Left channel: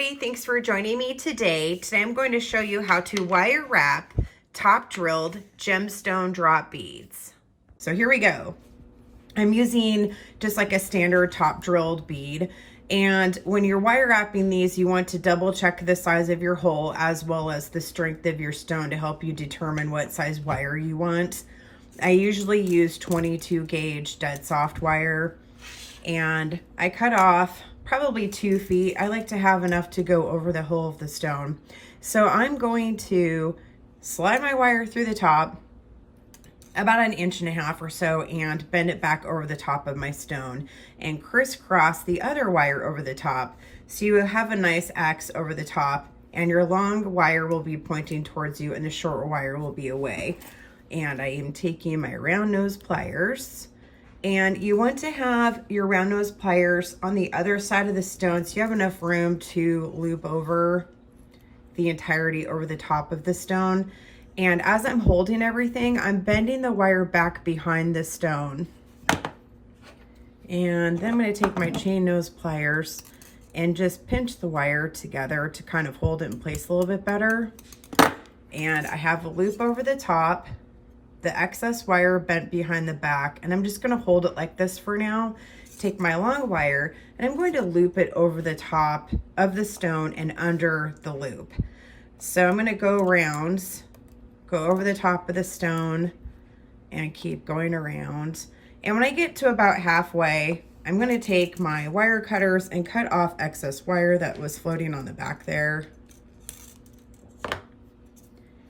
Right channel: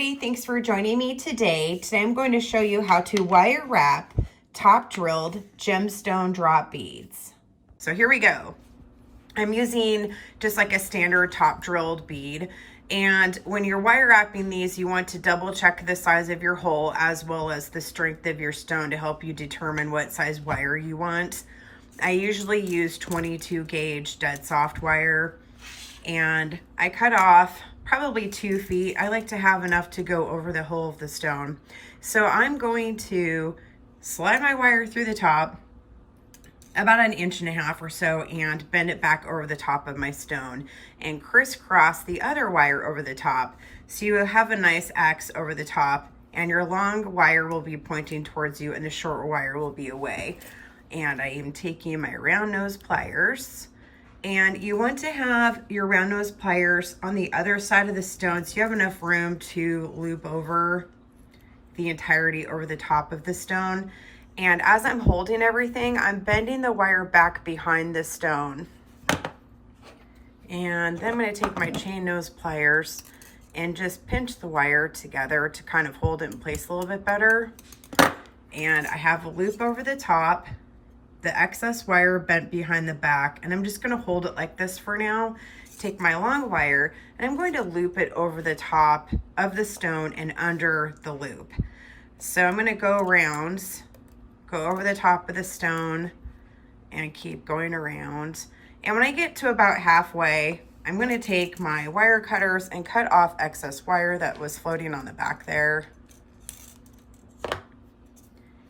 everybody, thanks for joining me today. Today I'm going to show you how to wire wrap top drilled gemstone drop beads. So here we go. I'm using just like a standard top drilled bead, and when you're wire wrapping these, you want to double check the size of your hole as well as the strength of your stone to help you determine what size wire you want. I usually use 22 gauge dead soft wire, and I cut off probably 2 feet. I like to have enough to go over the hole of the stone. So I'm going to slide my wire through the top about 1.5 inches or so and bend it back over the top of my stone and crisscross the other wire over the top. So you have a nice X over the top, and your long wire will be pointing towards you and the short wire will be away. And I am taking my round nose pliers, and you want to have your round nose pliers on the other side of the stone so you have enough room to loop over the entirety over the top of the stone. And as I'm holding everything, I'm bending the wire back behind the stone. And then I'm going to take my chain nose pliers and just pinch the wire together to kind of hold it in place a little bit better. And I have a loop over the top, the excess wire bent behind the back, and I'm just going to hold it like this for now. Take my long wire and I'm going to loop it over the top of the stone and under the loop. So I'm going to go around, go over the top of the stone and keep going around. And when I get to about halfway, I'm going to take my wire cutters and cut off excess wire that was floating on the back there.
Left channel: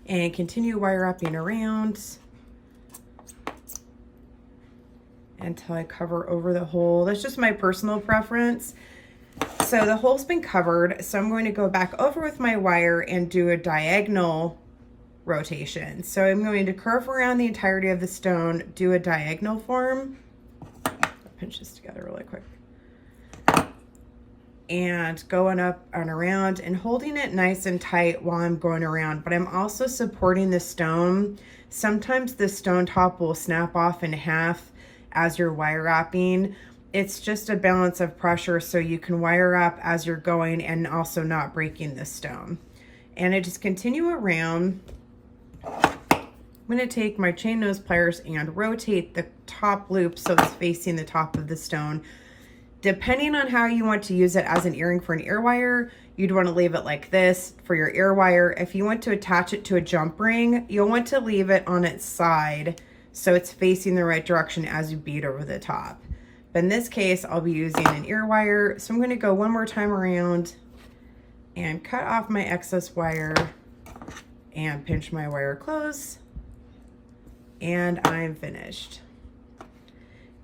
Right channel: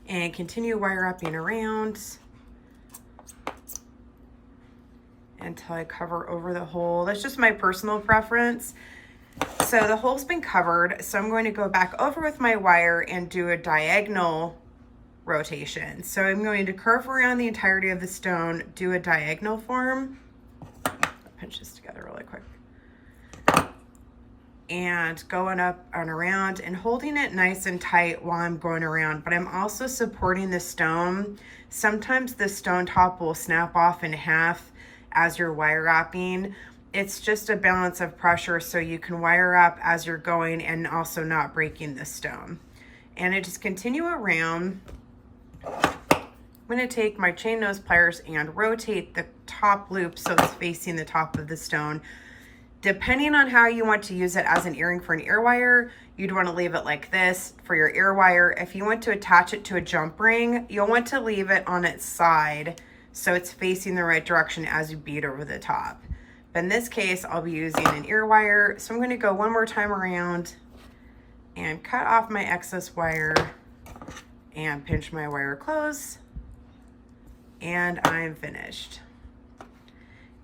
And continue wire wrapping around until I cover over the hole. That's just my personal preference. So the hole's been covered, so I'm going to go back over with my wire and do a diagonal rotation. So I'm going to curve around the entirety of the stone, do a diagonal form. Pinch this together really quick. And going up and around and holding it nice and tight while I'm going around, but I'm also supporting the stone. Sometimes the stone top will snap off in half as you're wire wrapping. It's just a balance of pressure so you can wire wrap as you're going and also not breaking the stone. And I just continue around. I'm going to take my chain nose pliers and rotate the top loop so it's facing the top of the stone. Depending on how you want to use it as an earring for an ear wire, you'd want to leave it like this for your ear wire. If you want to attach it to a jump ring, you'll want to leave it on its side so it's facing the right direction as you bead over the top. But in this case, I'll be using an ear wire. So I'm going to go one more time around and cut off my excess wire and pinch my wire close. And I'm finished.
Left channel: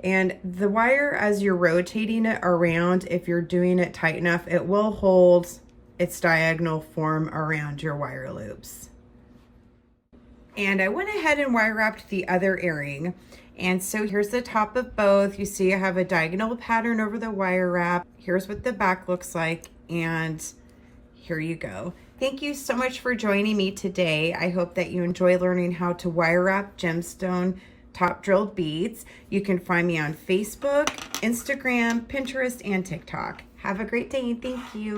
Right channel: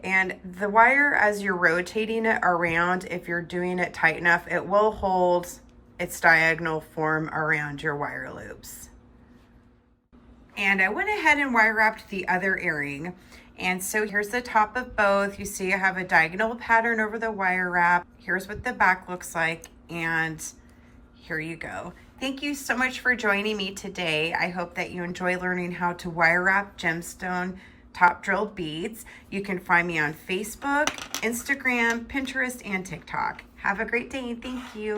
And the wire, as you're rotating it around, if you're doing it tight enough, it will hold its diagonal form around your wire loops. And I went ahead and wire wrapped the other earring. And so here's the top of both. You see I have a diagonal pattern over the wire wrap. Here's what the back looks like, and here you go. Thank you so much for joining me today. I hope that you enjoy learning how to wire wrap gemstone top drilled beads. You can find me on Facebook, Instagram, Pinterest, and TikTok. Have a great day. Thank you.